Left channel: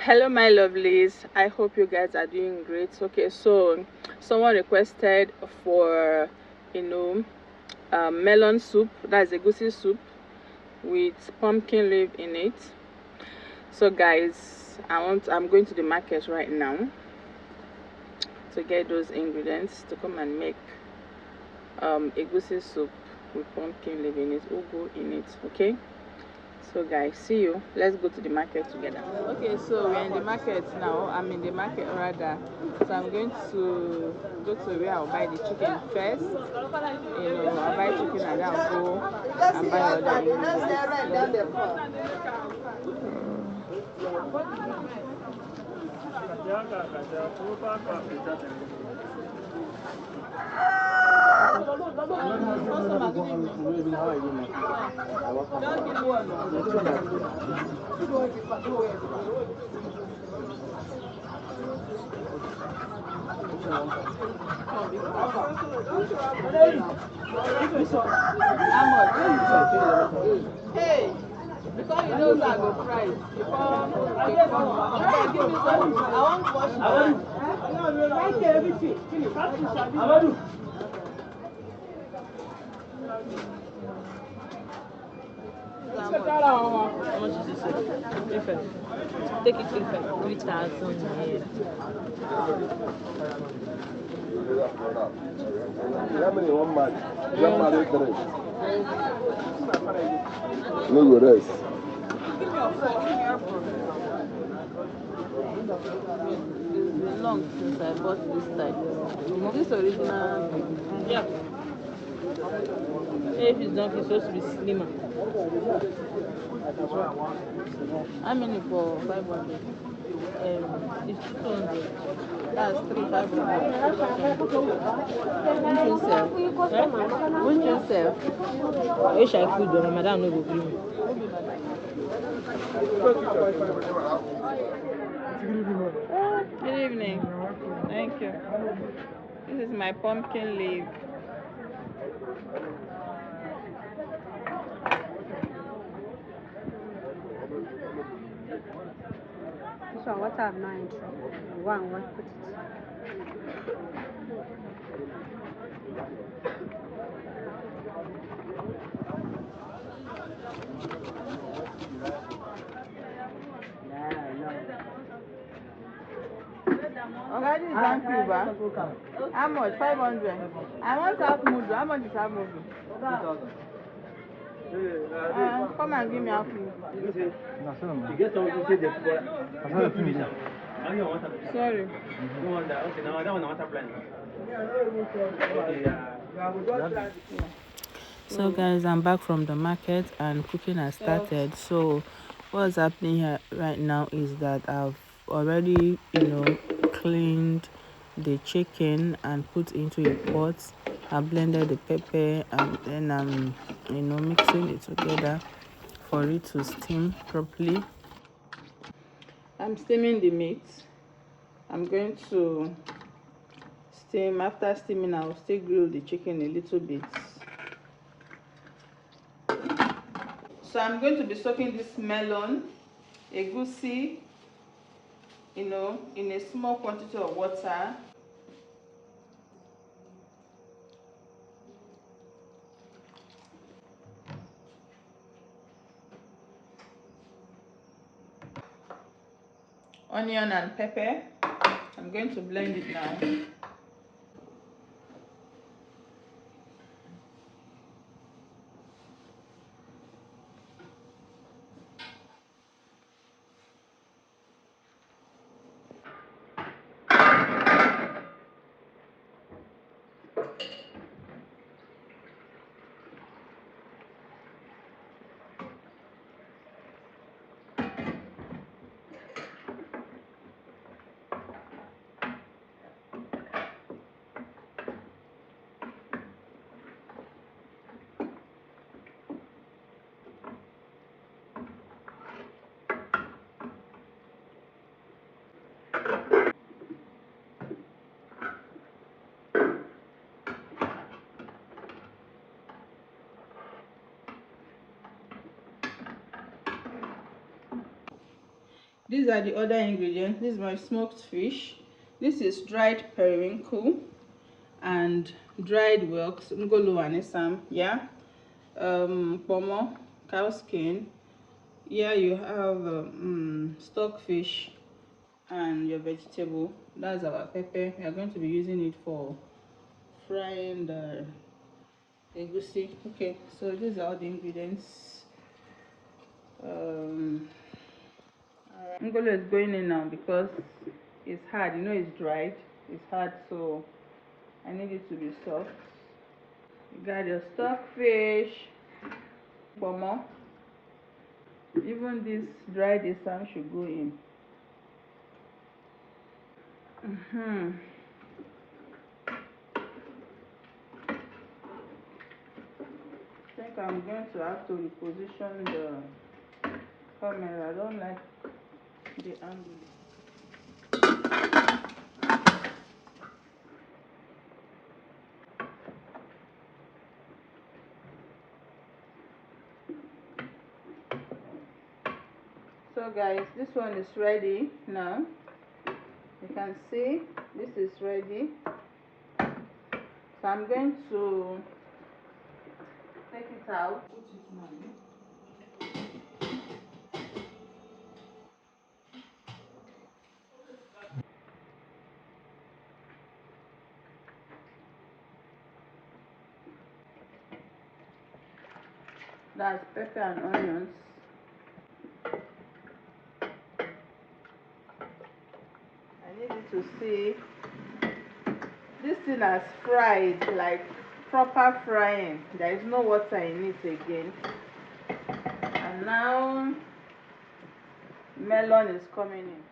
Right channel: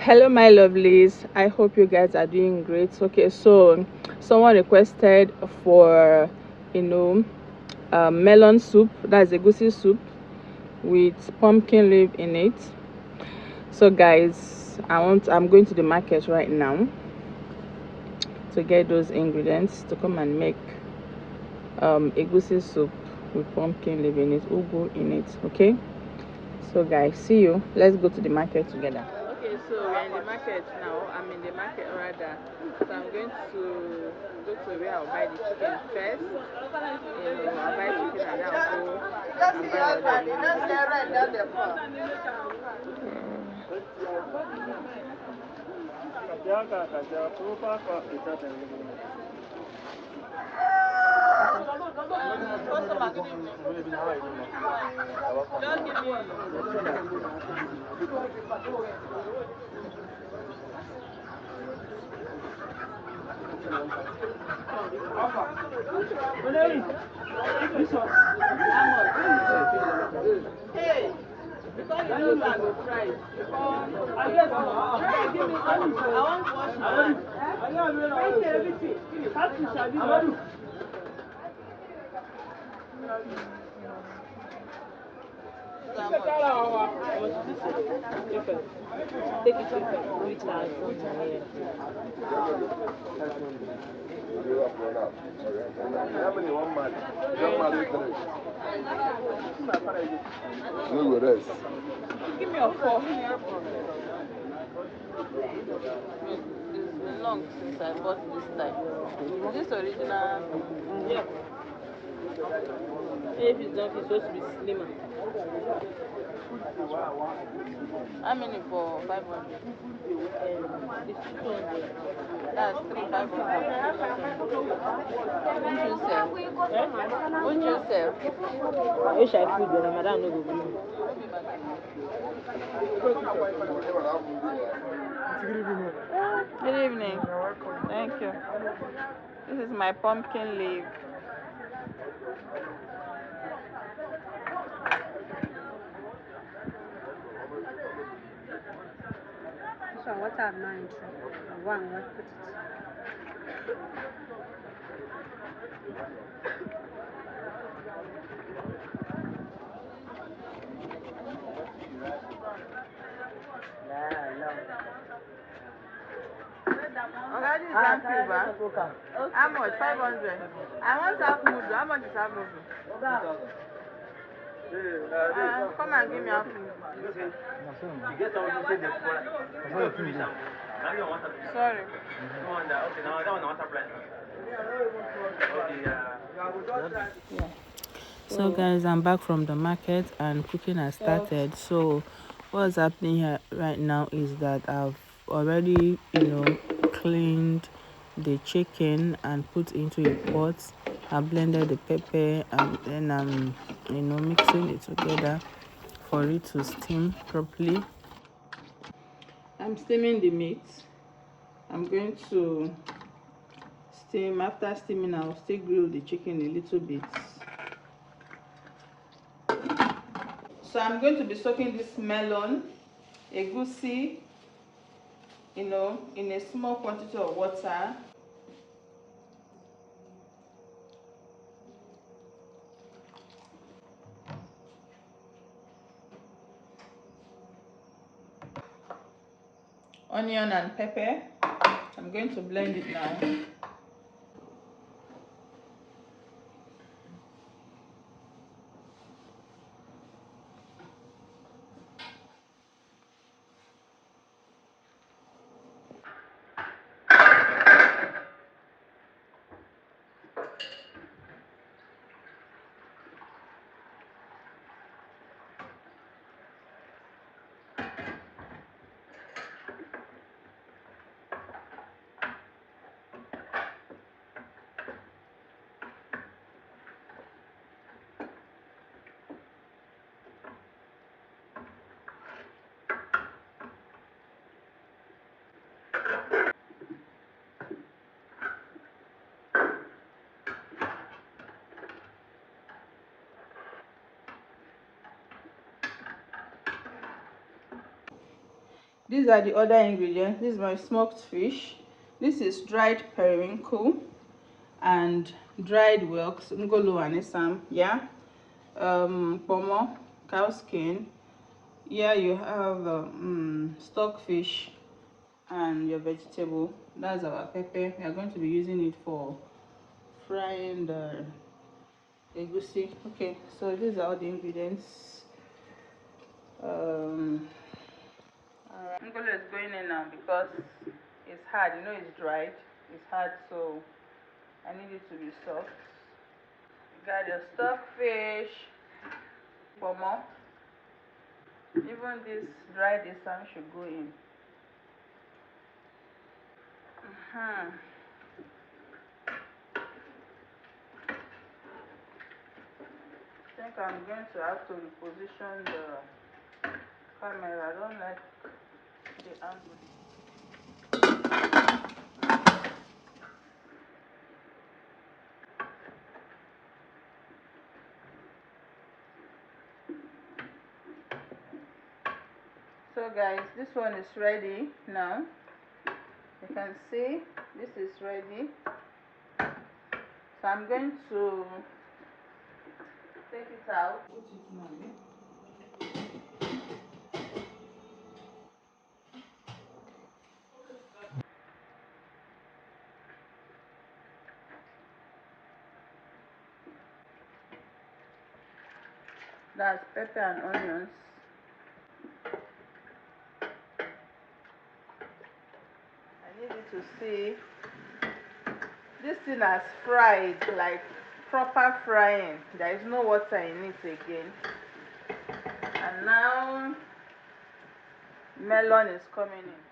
Hello my lovelies, I hope you guys are doing great. Okay, so someone requested for melon soup, that's egusi soup with pumpkin leaf in it. So guys, I'm going to the market right now to get those ingredients to come and make egusi soup with pumpkin leaf in it, ugu in it. Okay, so guys, see you. Let's go to the market together. Okay, so we're in the market now. I'm in the market rather. So I'm going to go to where I'll buy the chicken first. I'll buy chicken and then I'll go and buy other ingredients. Hey, because you know I go price. Give me some. I want to wash my hands. How much is this? Effect. Take it effect. 3,000 naira. No rest. Give me your fork. It's long since I bought this type. Is this original? Yeah. If it's not, it's supposed to be slimmer. How many for 500? It's 200. That's 3,500. Which you sell? Which you sell? I wish I could, but my madam no go gree me. Good evening. Thank you. This is my pumpkin leaf. So what I'm not interested. One, what put it. Okay, this is one cube. How much? 500. I want half mudu. How much is half mudu? 2,000. Come and give me half mudu. Sorry. Okay, now that one I want to blend. So guys, I'm back from the market and cooking has started. So what's happening here right now is that I've already cleaned the chicken and put into a pot. I blended the pepper and then I'm mixing it together for it to steam properly. I'm steaming the meat. I'm going to steam. After steaming, I'll still grill the chicken a little bit. So I'm going to be soaking this melon, egusi, in a small quantity of water. Onion and pepper. I'm going to blend it now. These are the other ingredients. This is my smoked fish. This is dried periwinkle and dried whelks, Ngolo and Isam. Yeah. Kpomo, cow skin. Here you have stockfish and your vegetable. That's our pepper. We are going to be using it for frying the egusi. Okay, so these are all the ingredients. Ngolo is going in now because it's hard. You know, it's dried. It's hard, so I need it to be soft. You got your stockfish, Kpomo. Even this dried Isam should go in. I think I'm going to have to reposition the camera. I don't like the angle. So guys, this one is ready now. You can see this is ready. So I'm going to take it out. That's pepper and onions. I need you to see this thing has fried, like proper frying. There is no water in it again. And now melon is coming in.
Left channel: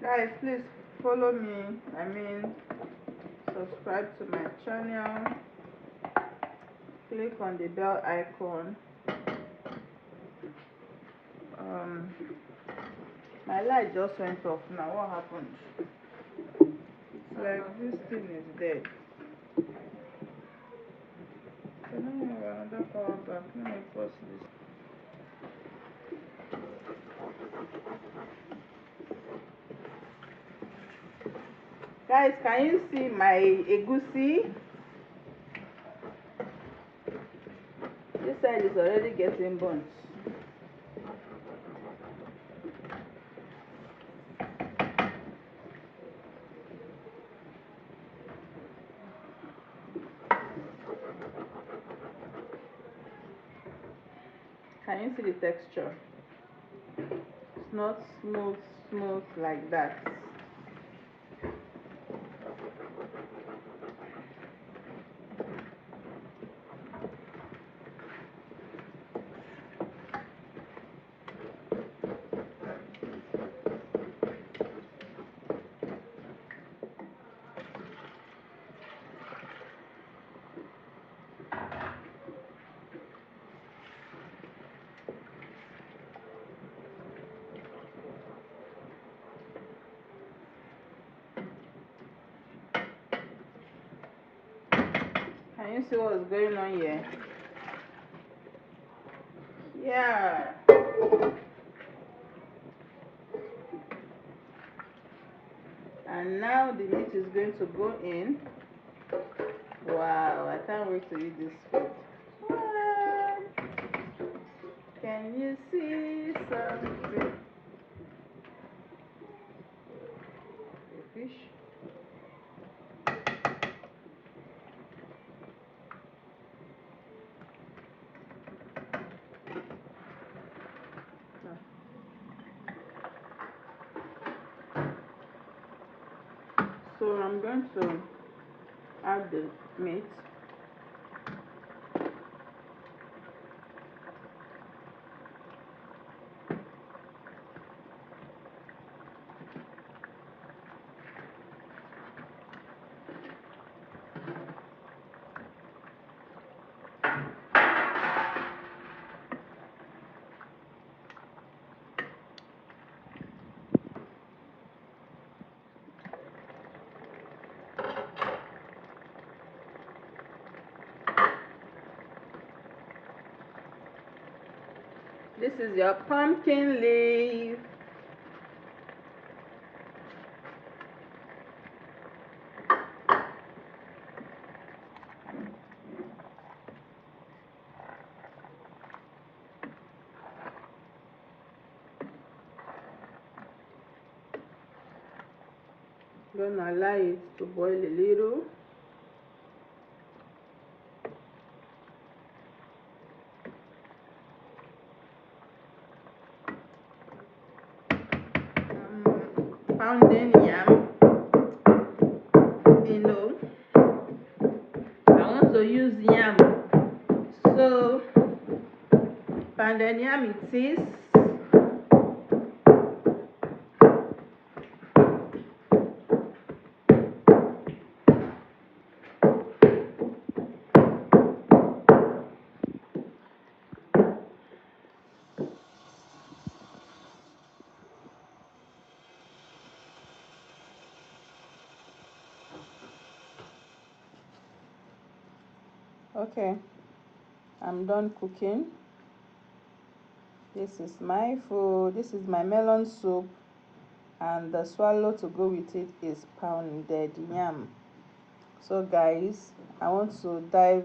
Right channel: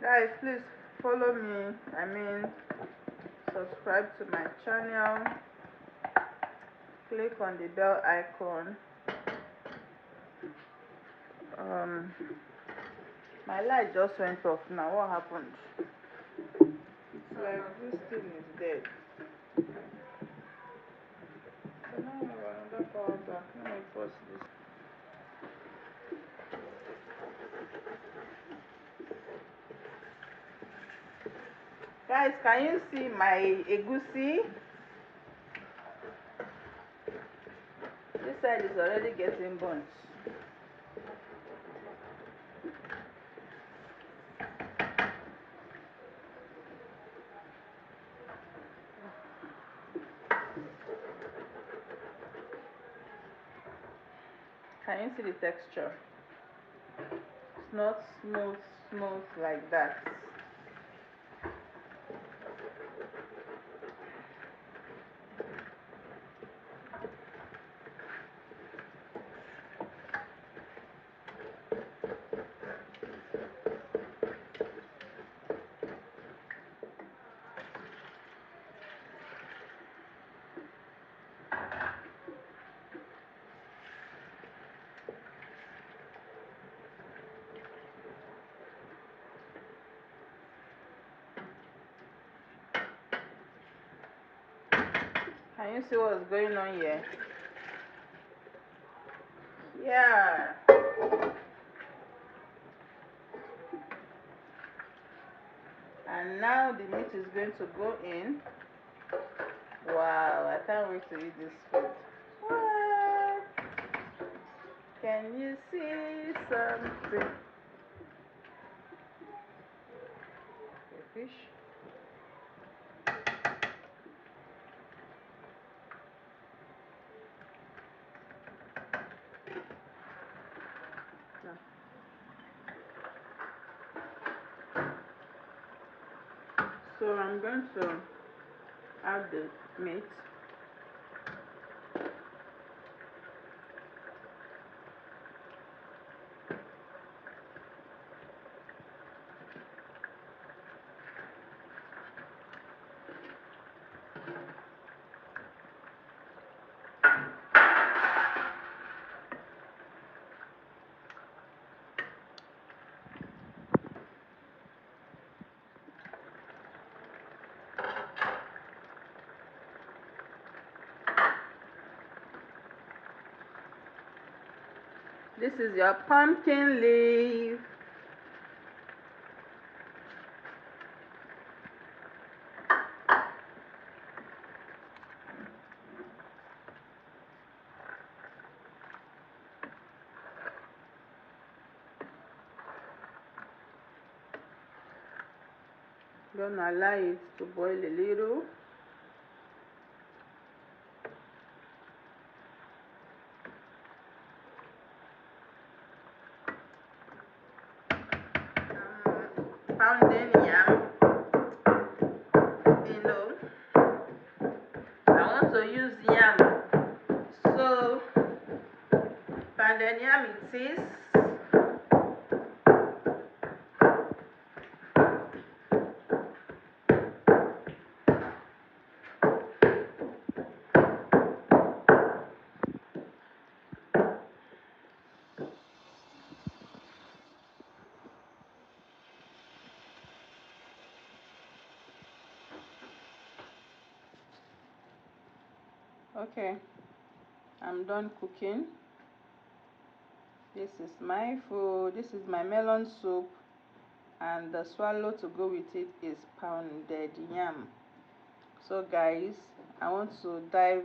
Guys, please follow me. Subscribe to my channel. Click on the bell icon. My light just went off now. What happened? It's like this thing is dead. No, another power bank. Let me pause this. Guys, can you see my egusi? This side is already getting burnt. Can you see the texture? It's not smooth like that. Can you see what's going on here? Yeah. And now the meat is going to go in. Wow, I can't wait to eat this food. What? Can you see something? The fish. So I'm going to add the meat. This is your pumpkin leaf. Gonna allow it to boil a little. Pounding yam, you know, I want to use yam, so pounded yam it is. Okay, I'm done cooking. This is my food. This is my melon soup, and the swallow to go with it is pounded yam. So guys, I want to start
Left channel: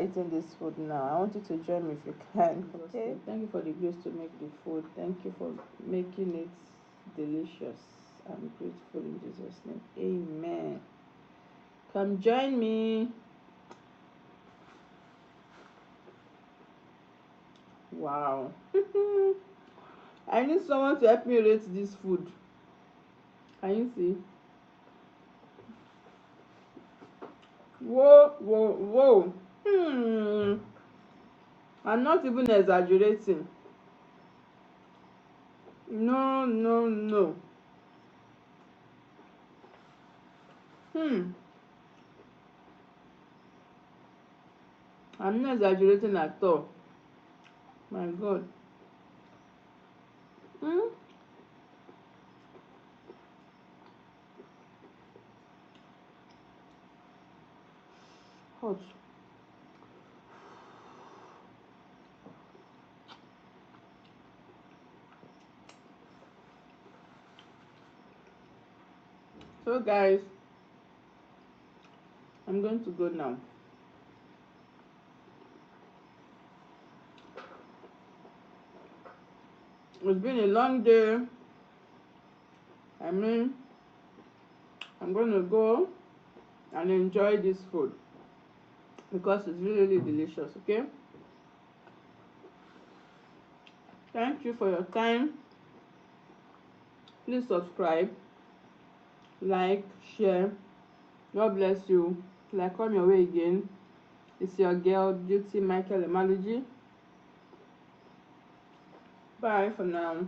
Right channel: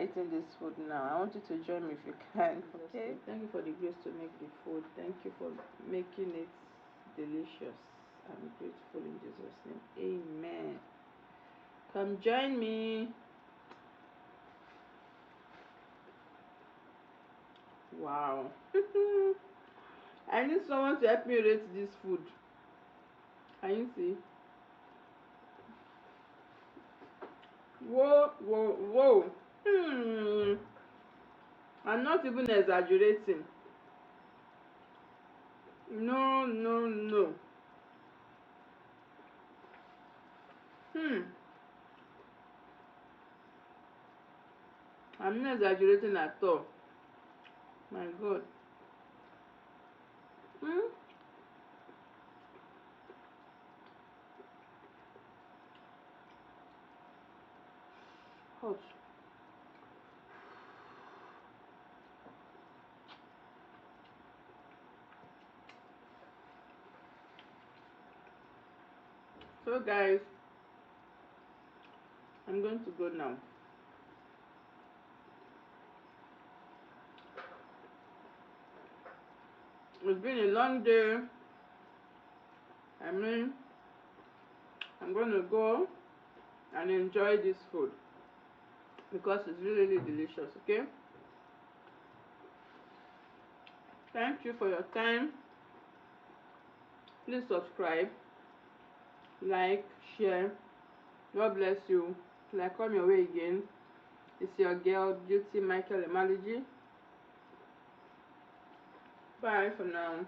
eating this food now. I want you to join me if you can. Okay, thank you for the grace to make the food. Thank you for making it delicious. I'm grateful in Jesus' name. Amen. Come join me. Wow. I need someone to help me rate this food. Can you see? Whoa, whoa, whoa. I'm not even exaggerating. No, no, no. I'm not exaggerating at all. My God. Hot. So guys, I'm going to go now. It's been a long day. I'm going to go and enjoy this food because it's really, really delicious. Okay, thank you for your time. Please subscribe, like, share. God bless you. Till I come your way again, it's your girl Beauty Michael Emalogy. Bye for now.